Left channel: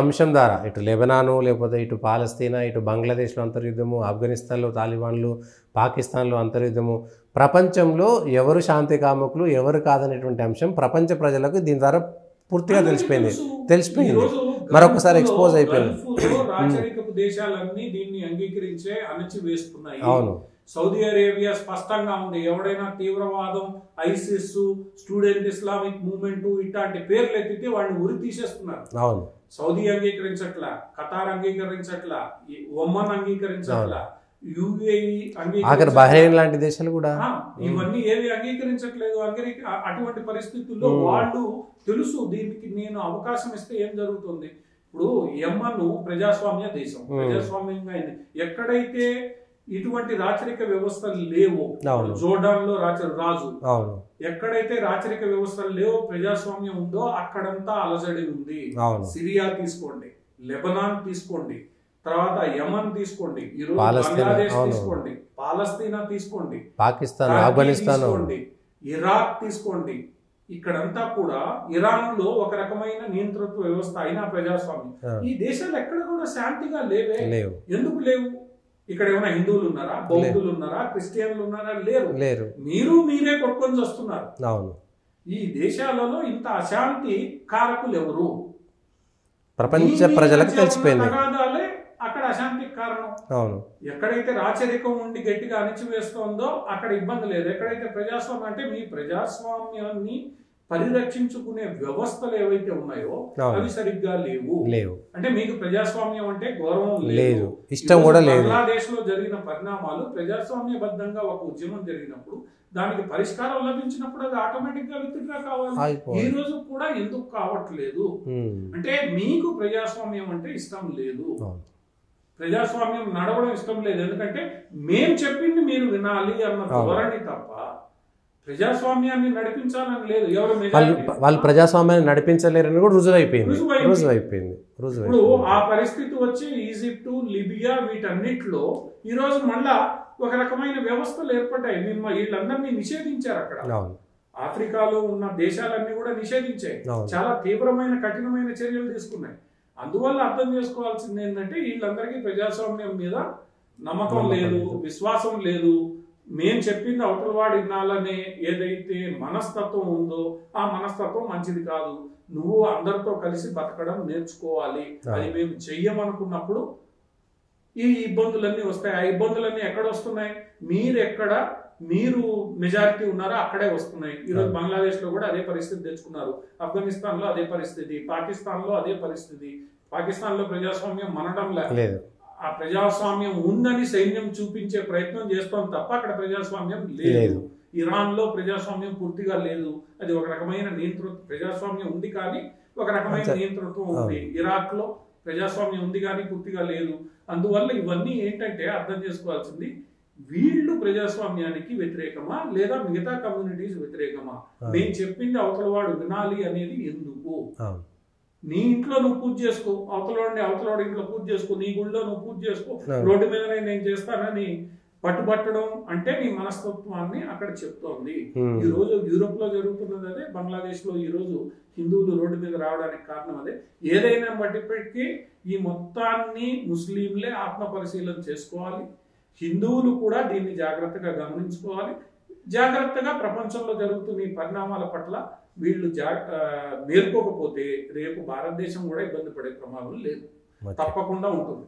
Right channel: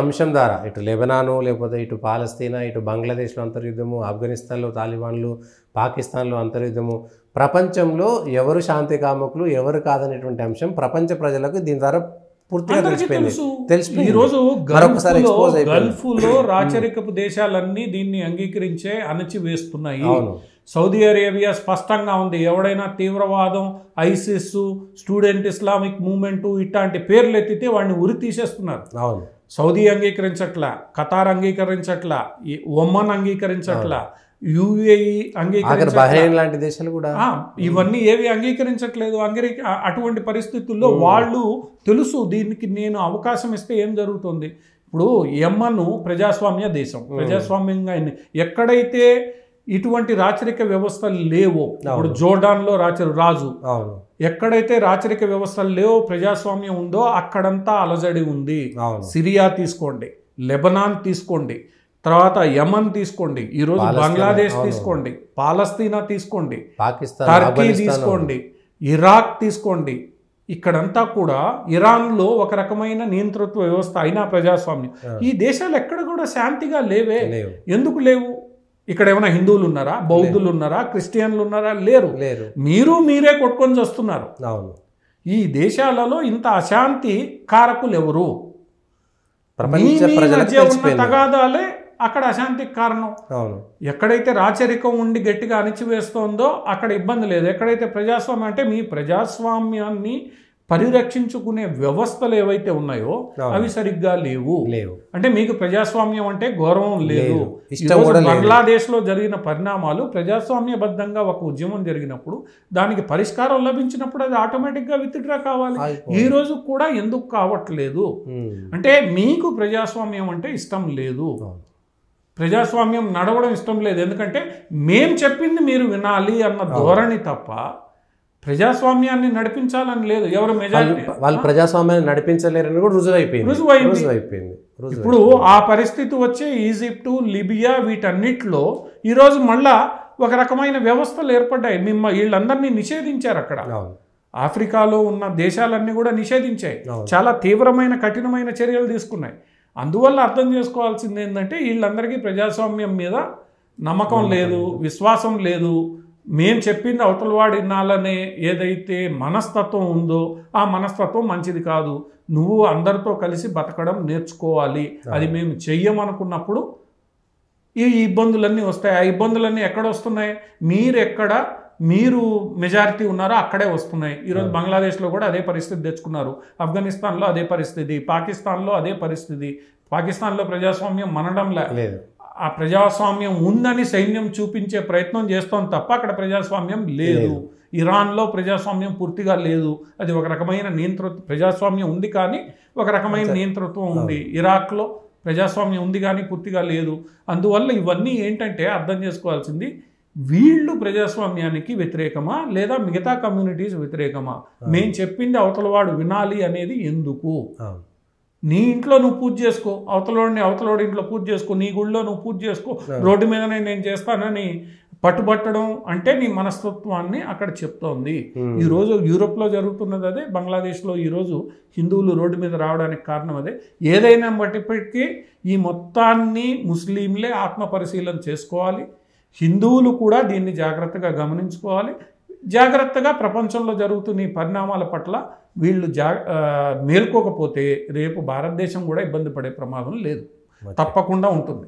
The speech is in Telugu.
అంశం ద్వారా ఇటు లెబనాను లేకపోతే ఇటు పాలస్తీనా ఇటు బంగ్లాదేశ్లో అంతర్యుద్ధము, ఆఫ్ఘనిస్తాన్లో తాలిబాన్లు, పాకిస్తాన్లో అంతర్యుద్ధము, ప్రపంచంలో ఎవరు శాంతి కాముకులు ఎవరు కాదనేటువంటి అంశం ప్రపంచ ప్రజలకు దీని ద్వారా పూర్తిగా తెలిసిపోయింది. ఈరోజు మరొకసారి ఎక్స్పోజ్ అయిపోయింది. గల్ఫ్లో రాచరికపు దేశాలన్నీ దీన్ని అంగీకరించే అణచివేస్తున్నాయి. అవును, సౌదీ అరేబియా స్పష్టంగా ఉంది, ఎవడైనా తీవ్రవాదం, ఐసిస్, స్టూడెంట్ ఇస్లామిక్ మూవ్మెంట్ ఇట్లాంటి పేర్లు ఎత్తితే వాడిని ఉరి తీసేస్తున్నారు. అవును, సౌదీ అంగీకరించట్లా, ఖతార్ అంగీకరించట్లా, ఒమన్ అంగీకరించట్లా, యుఏఈ బహ్రెయిన్ లాంటి దేశాలు కూడా ఇవన్నీ ఏవి అంగీకరించట్లేదు. అటువంటి పరిస్థితుల్లో వాళ్ళు తెలుసు దీనికి నేను అవకాశం ఇస్తే ఏం జరుగుతుంది. ఇప్పుడు యెమెన్ ప్రజాస్వామ్య దేశం, ప్రజాస్వామ్యంగా ఎక్కడైతే ఇటువంటి రాచరిక వ్యవస్థలు లేవో, ఇప్పుడు జోర్డాన్ లో రాజు, ఎక్కడైతే రాచరిక వ్యవస్థలు లేవో ప్రజాస్వామ్యం ఉందో అక్కడంతా అలజడి ఉంది. సిరియా తీసుకోండి, లెబనాన్ తీసుకోండి, తర్వాత యమన్ తీసుకోండి, ఈరోజు బంగ్లాదేశ్ తీసుకోండి, పాలస్తీనా తీసుకోండి, పాకిస్తాన్ తీసుకోండి, ఇరాక్ తీసుకోండి, ఇక్కడంతా కూడా ఇరాన్లో ఒక రకమైన నియంతృత్వ వ్యవస్థ అయినా ప్రజాస్వామ్యం. ఈ దేశాలు ఎక్కడ కూడా శాంతిగా లేవే. ఎందుకు లేవు? ఇక్కడ ఏమైనా హిందువులు ఉన్నారా, బౌద్ధులు ఉన్నారా, క్రిస్టియన్లు ఉన్నారా? లేరు. మీరే కొట్టుకొని వస్తున్నారు. ఈ దేశాలలో ఇంత అశాంతి కారకులు ఎవరు? ప్రపంచ ప్రజలకు తెలిసిపోయింది. తగాదాలే అక్కడ అశాంతికి కారణం. ఎక్కడైతే రాచరికం ఉండి గట్టిగా అణిచివేస్తోందో అక్కడ ఇబ్బంది లేదు. ఎక్కడైతే ప్రజాస్వామ్యం అంటే మీ ప్రజాస్వామ్యాన్ని పరిరక్షించుకునే వ్యవస్థలు ఏవైతే ఉన్నాయో అవి సరిగ్గా లేవు. అంటే మీకు ప్రజాస్వామ్యం అంటే గౌరవం లేదు, ఇష్టం కూడా లేదు. బంగ్లాదేశ్ లో జరిగిన పరిణామాలు ప్రజాస్వామ్యబద్ధంగా ఒక ఉద్యమం జరిగినప్పుడు దానికి పరిష్కారం లభించినప్పుడు అది ఆటోమేటిక్ గా విత్డ్రా కావాలి. ఈ రోజు కూడా ఎందుకు కావట్లేదు అంటే మీకు ప్రజాస్వామ్యం అంటే ఇష్టం లేదు, ప్రజాస్వామ్యం నడవడం ఇష్టం లేదు. ఎందుకంటే మేం చెప్పింది మీరు వినాలి అన్న ధోరణి తప్ప ప్రజాస్వామ్యాన్ని నడిపించాలని లేదు. ఎవరు వాళ్ళు ప్రజాస్వామ్యాన్ని నడిపించలేరని కూడా రుజువైపోయింది. ఇప్పుడు ఆ పరిస్థితి వచ్చే ఈజిప్టు, లిబియా వీటన్నిటిలో ఈరోజు మళ్ళా ఒక రకమైన వ్యవస్థలు ఏర్పడ్డాయి. వీళ్ళందరినీ నిషేధించారు. అక్కడ ఆఫ్రికాలో ఉన్న దేశాలన్నీ కూడా నిషేధించాయి, చాలా తీవ్రమైన కఠినమైన చర్యలు తీసుకున్నాయి. అందువల్ల అర్థం చేసుకోవాల్సింది ఏంటంటే వీళ్ళందరికీ ప్రజాస్వామ్యం మీద నమ్మకం లేదు, విశ్వాసం లేదు. మేం చెప్పింది అవతలవాడు వినాలనే ఏదైతే మనస్తత్వం ఉందో ఆ మనస్తత్వం మంచిది కాదు. నువ్వు అందరితో కలిసి బతకడం నేర్చుకోవాలి, అది మేము చెయ్యమనుకున్నప్పుడు ఈ ఇబ్బందులన్నీ వస్తాయి. ఆ ఇబ్బందులన్నీ ఎక్కడ వస్తున్నాయి? మీరు మెజారిటీ ఉన్నారో అక్కడే వస్తున్నాయి. ఈరోజు బంగ్లాదేశ్లో కూడా అదే పరిస్థితి తెచ్చుకున్నారు, ఆఫ్ఘనిస్తాన్లో అదే పరిస్థితి, పాకిస్తాన్లో అదే పరిస్థితి. పాకిస్తాన్లో ప్రజాస్వామ్యం మనడం లేదు, ఆ ప్రజాస్వామ్యం ఉందని సైన్యం చూపించే ప్రయత్నం చేస్తాం తప్ప అక్కడ ప్రజాస్వామ్యం లేదు. ఇరాన్లో ప్రజాస్వామ్యం పూర్తిగా లేదు, అది ఒక రకమైన ప్రజాస్వామ్యం ఉంది కానీ ఒక రకమైన నియంతృత్వం ఉంది. ఇరాక్లో ప్రజాస్వామ్యం ఉంది కానీ పూర్తిగా లేదు. అందువల్ల ఇవన్నీ ఏంటంటే అర్థం చేసుకోవాల్సింది, వీళ్ళు ప్రజాస్వామ్యానికి వ్యతిరేకమా లేదా మిగతా కమ్యూనిటీస్ వ్యతిరేకమా? మేము చెప్పింది అవతలవాడు వినాలి అనేది ఎందుకు? నీ ఇంట్లో నువ్వు పూజ చేసుకో, అవతలవాడి ఇంట్లో పూజ చేసుకో, నీ గుళ్ళో నువ్వు పూజ చేసుకో, రోడ్డు మీదనే నేను చేస్తానని పట్టుబట్టడం అంటే నీ మనస్తత్వాన్ని అక్కడ చెప్తోంది. ఈ రోజు యూరోప్ లో జరుగుతున్నది అదే, బంగ్లాదేశ్ లో ఈ రోజు హిందువులు రోడ్డు మీద రావడానికి కారణం అదే. ఏదైనా బట్టిప్పటికీ ఈ మొత్తాన్ని ముస్లింలే ఆత్మ పరిశీలన చేసుకోవాలి, హిందువులు కూడా దీన్ని జాగ్రత్తగా గమనించుకోవాలి. జాగ్రత్తగా ప్రపంచంలో జరుగుతున్న ఈ పరిణామాల పట్ల వీళ్ళు మేల్కోకపోతే రేపు భారతదేశం కూడా ఇబ్బంది పడే ప్రమాదం లేదు, తప్పకుండా ఉంటుంది.